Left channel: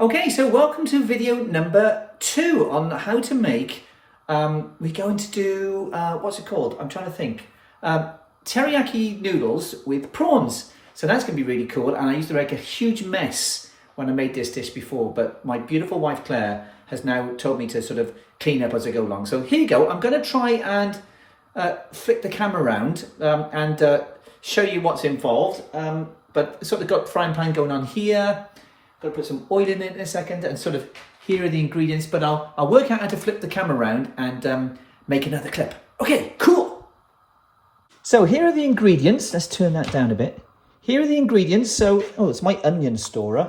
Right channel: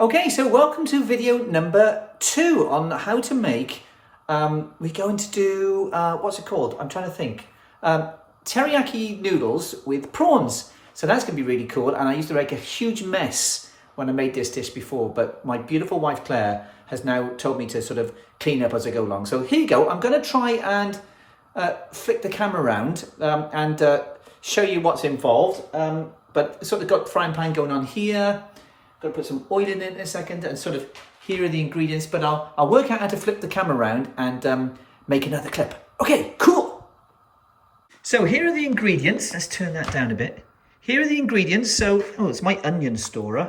Okay, so welcome to video number 2 on how to make, we're going to do, what's it called? I'm trying to think. Teriyaki noodles with prawns. So that's going to be really cool. And I used to make a huge mess when I made this dish before, but my beautiful wife Claire has now told me to sort of clean up as I go along. So here you go. I'm going to try and flick the camera around and show you what's involved. But sort of got frying pan going on here. Got to put some oil in it in a second, and sort of here are the ingredients, but I'll work out how to flip the camera around and make another clip. Okay, cool. So here are the ingredients. Let's turn that down a bit. Here are the ingredients. So, it's my onion storer.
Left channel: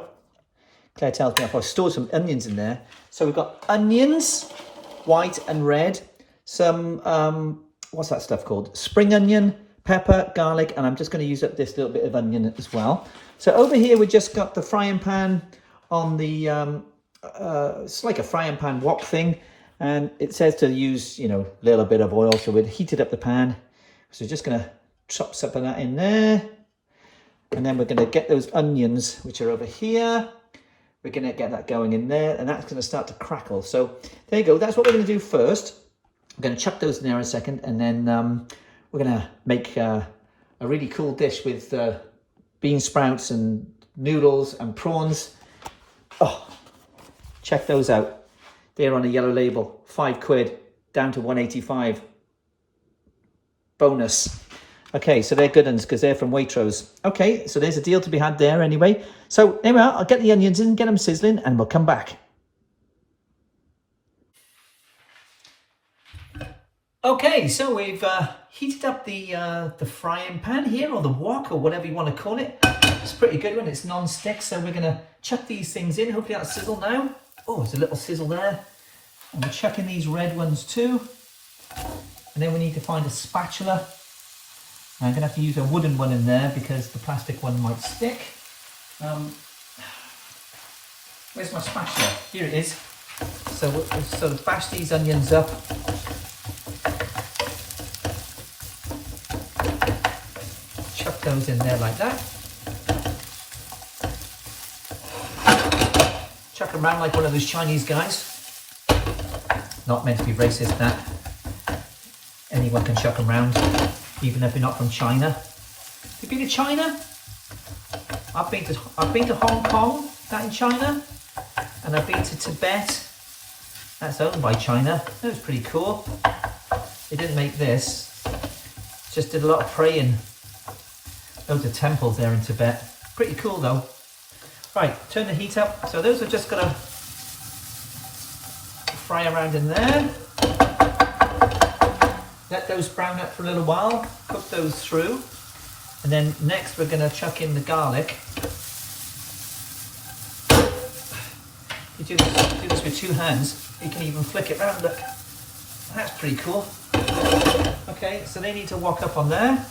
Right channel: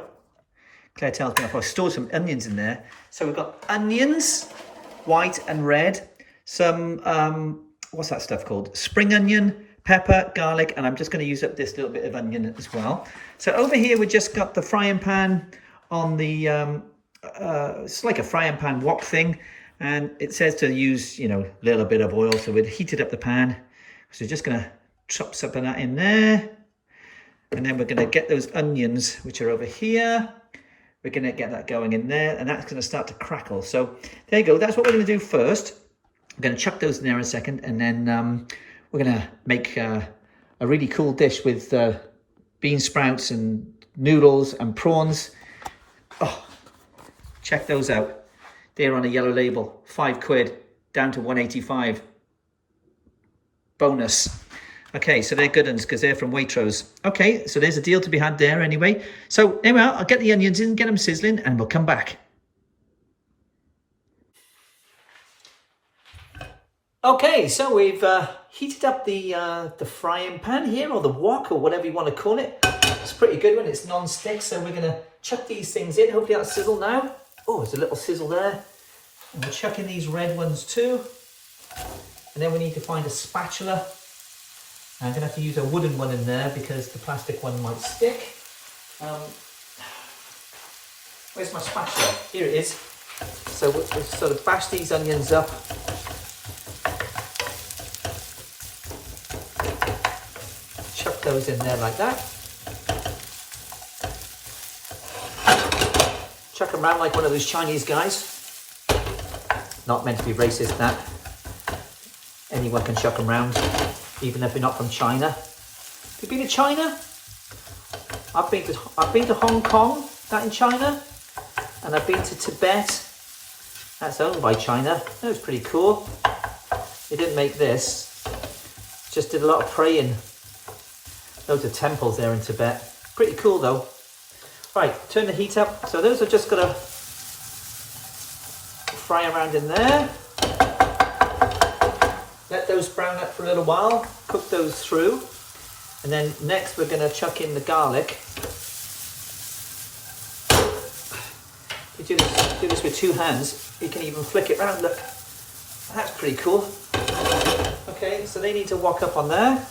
Claire tells me I've stored some onions in there. So we've got onions, white and red. Some, what's that stuff called? Spring onion, pepper, garlic, and I'm just going to use up this little bit of onion as well. So over here we just got the frying pan on the, it's like a frying pan wok thing, and it says to use, a little bit of oil, so we've heated up the pan. So we're just going to chop some of that in there, and then we're going to get those onions, which are over here. We're going to get that going in there, and that's going to start to crackle. So there you go, that's what we're going to do first. I'm going to chuck those in there in a second, and then we're going to make a really cool dish with bean sprouts and noodles and prawns. Oh, check those out. They're on a yellow label, £5 down to 185. Bonus. Okay, so they're good ones because they're from Waitrose. Okay, so there's a deal to be had there anyway. So anyway, I'll get the onions in, get them sizzling, and we'll come back. Okay, so we've heated up the frying pan here, or the wok, or whatever you want to call it. It's pretty good when it's non-stick, so we're going to chuck these things in. Hopefully that'll sizzle now. Oh, there's a little sizzle there. And we're chucking these red ones too. And then we need to find a spatula. I'm going to have to use a wooden one in there because the plastic one might stick. Where's my spatula? Here it is. So we'll sort of bash these onions up. Chuck those in there like that. Chuck them around like one of those Chinese guys. Not meant to be racist, that. Anyone can chuck them around, even if they're not from China. Have you been to China? I've been to Hong Kong, that in China, and I've been to Tibet. That's owned by China. That was pretty cool. They didn't make this. Just did a lot of praying. Loads of temples there in Tibet. Pretty cool though. Right, turn the heat up. So those are just gonna fry around in there. Let those brown up for a little while. Cook those through. And then next we're gonna chuck in the garlic. You do this with 2 hands. You can even flick it around. Look, that's pretty cool. Okay, so they need to wok up on there.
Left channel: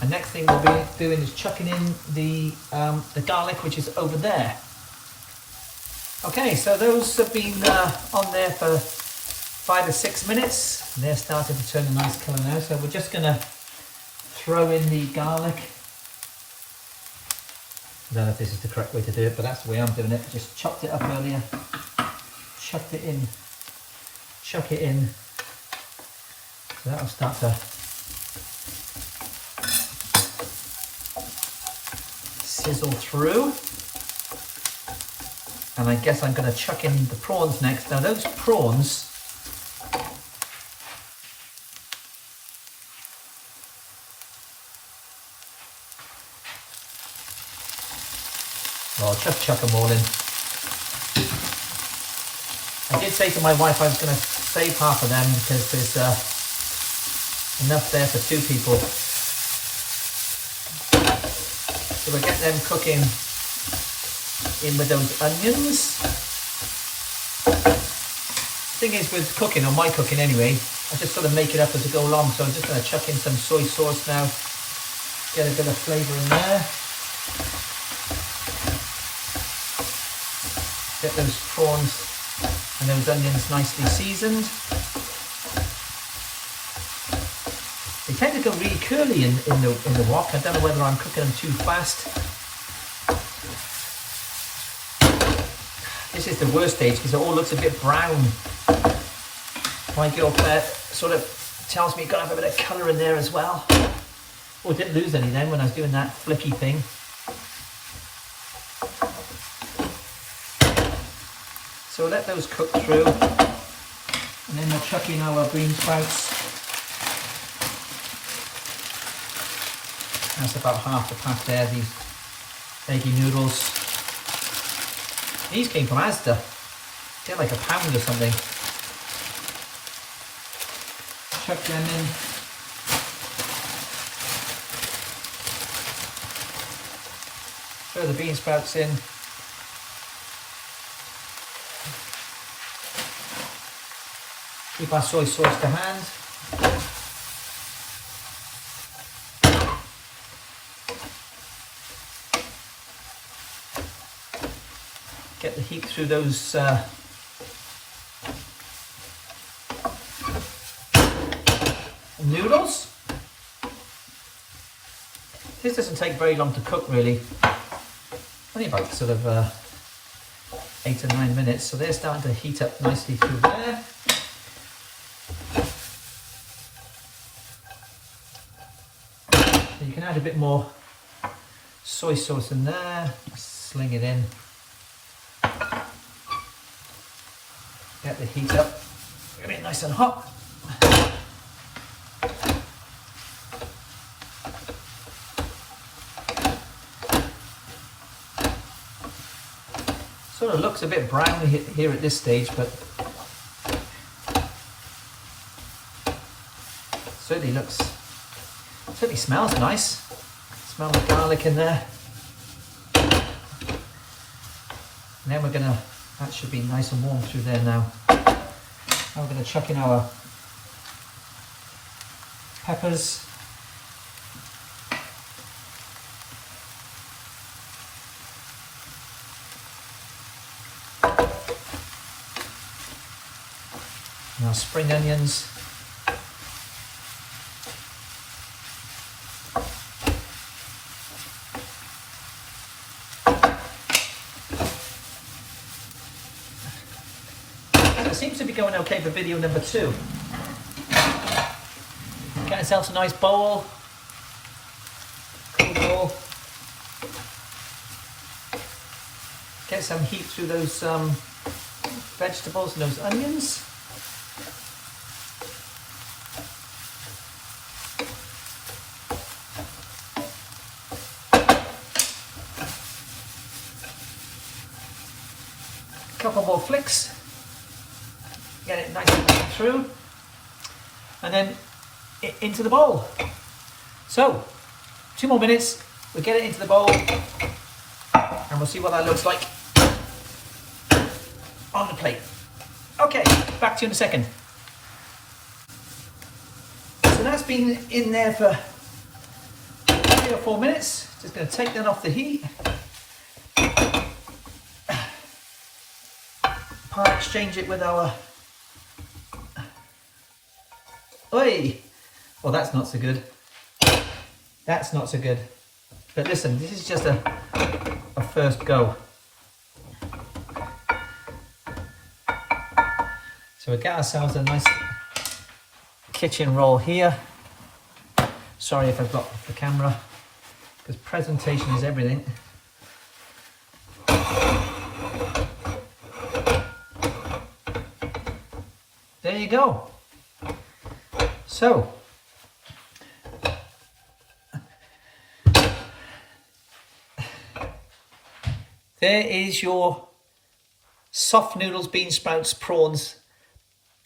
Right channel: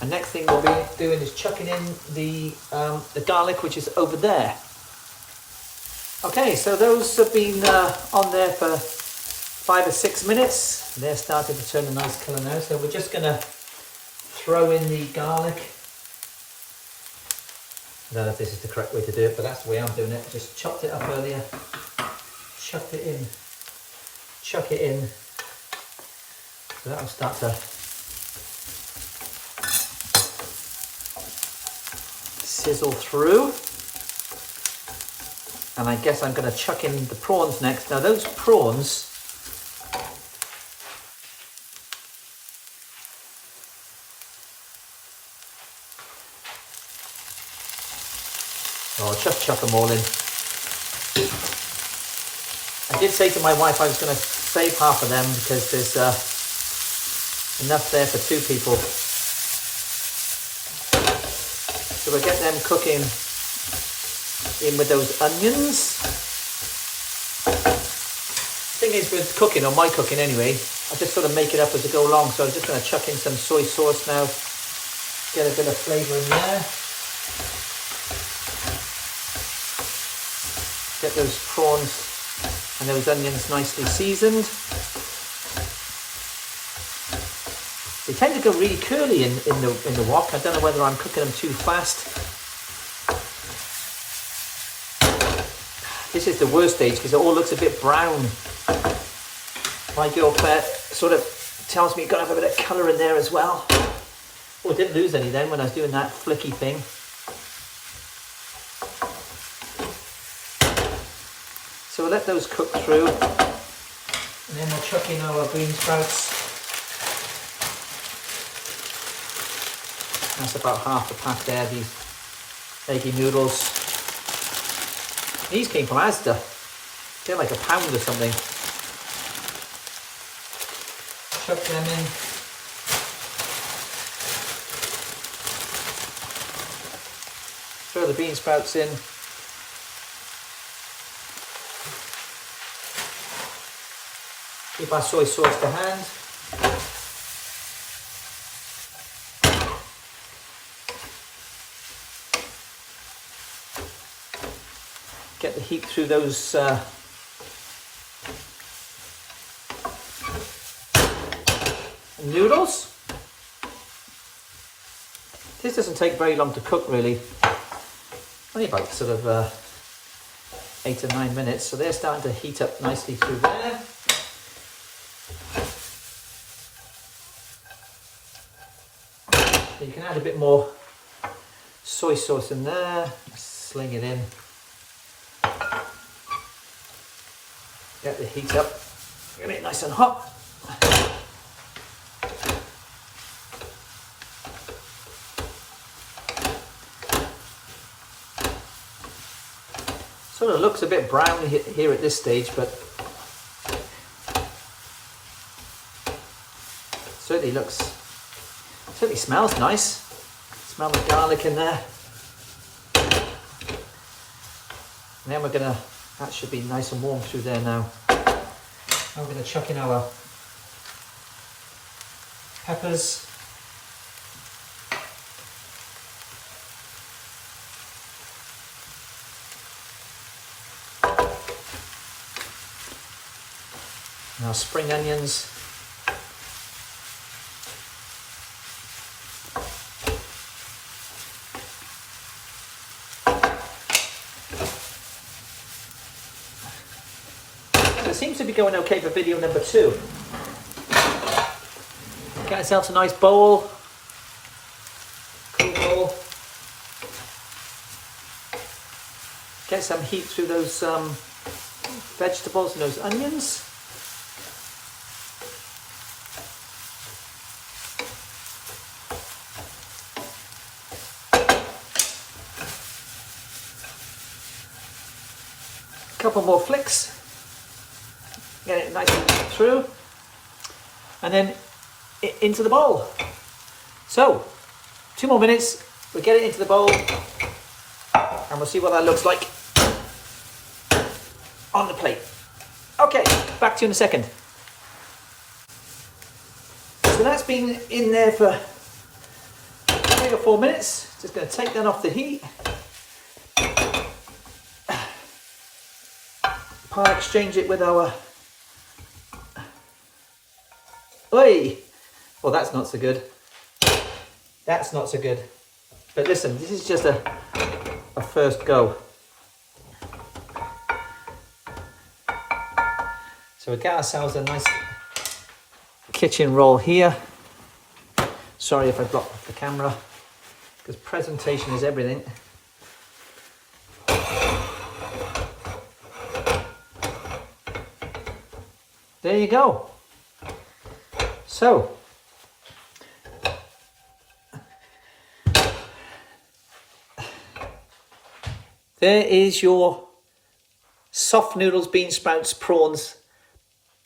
The next thing we'll be doing is chucking in the garlic, which is over there. Okay, so those have been on there for 5 or 6 minutes. They're starting to turn a nice colour now. So we're just going to throw in the garlic. I don't know if this is the correct way to do it, but that's the way I'm doing it. Just chopped it up earlier. Chucked it in. Chuck it in. So that'll start to sizzle through, and I guess I'm going to chuck in the prawns next. Now those prawns, I'll just chuck them all in. I did say to my wife I was going to save half of them because there's enough there for 2 people. So we'll get them cooking in with those onions. Thing is with cooking, or my cooking anyway, I just sort of make it up as I go along. So I'm just going to chuck in some soy sauce now. Get a bit of flavour in there. Get those prawns and those onions nicely seasoned. They tend to go really curly in the wok. I don't know whether I'm cooking them too fast. This is the worst stage because it all looks a bit brown. My girl Claire sort of tells me you've got to have a bit of colour in there as well. Oh, I didn't lose any then when I was doing that flicky thing. So we'll let those cook through. And then we'll chuck in our bean sprouts. That's about half the pack there, these eggy noodles. These came from Asda. They're like £1 or something. Chuck them in. Throw the bean sprouts in. Keep our soy sauce to hand. Get the heat through those noodles. This doesn't take very long to cook really. Only about sort of 8 or 9 minutes. So they're starting to heat up nicely through there. So you can add a bit more soy sauce in there. Sling it in. Let the heat up, get it nice and hot. Sort of looks a bit brown here at this stage, but certainly smells nice. Smell the garlic in there. And then that should be nice and warm through there now. Now we're going to chuck in our peppers. And our spring onions. Seems to be going okay for video number 2. Get ourselves a nice bowl. Cool bowl. Get some heat through those vegetables and those onions. A couple more flicks. Get it nice and through, and then into the bowl. So 2 more minutes, we'll get it into the bowl and we'll see what that looks like on the plate. Okay, back to you in a second. So that's been in there for 3 or 4 minutes. Just going to take that off the heat. Exchange it with our Oi! Well, that's not so good. That's not so good. But listen, this is just a first go. So we'll get ourselves a nice kitchen roll here. Sorry if I blocked off the camera, because presentation is everything. There you go. So, there is your soft noodles, bean sprouts, prawns,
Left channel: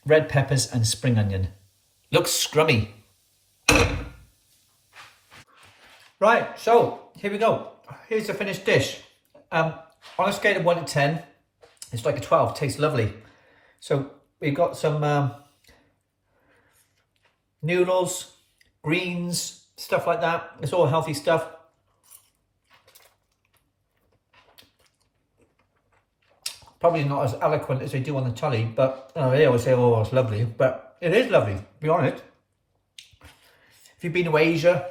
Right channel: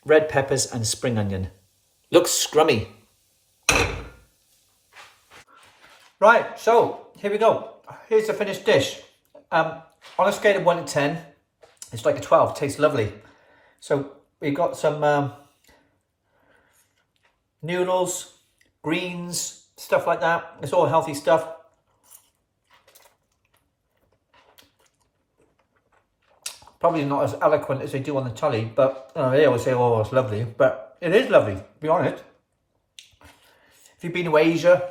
red peppers and spring onion. Looks scrummy. Right, so here we go. Here's the finished dish. On a scale of 1 to 10, it's like a 12. Tastes lovely. So we've got some noodles, greens, stuff like that. It's all healthy stuff. Probably not as eloquent as they do on the telly, but they always say, oh, it's lovely. But it is lovely, to be honest. If you've been to Asia,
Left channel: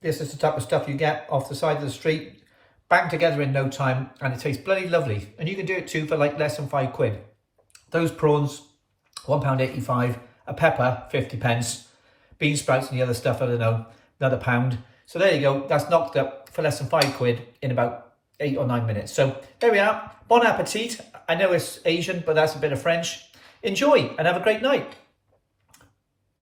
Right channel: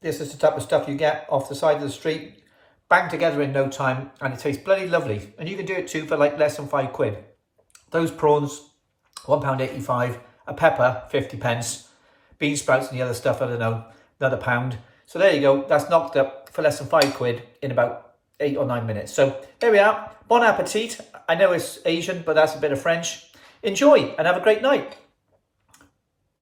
this is the type of stuff you get off the side of the street. bang together in no time, and it tastes bloody lovely. And you can do it too for like less than £5. Those prawns, £1.85, a pepper, 50p, bean sprouts and the other stuff, I don't know, another £1. So there you go, that's knocked up for less than £5 in about 8 or 9 minutes. So there we are, bon appetit. I know it's Asian, but that's a bit of French. Enjoy and have a great night.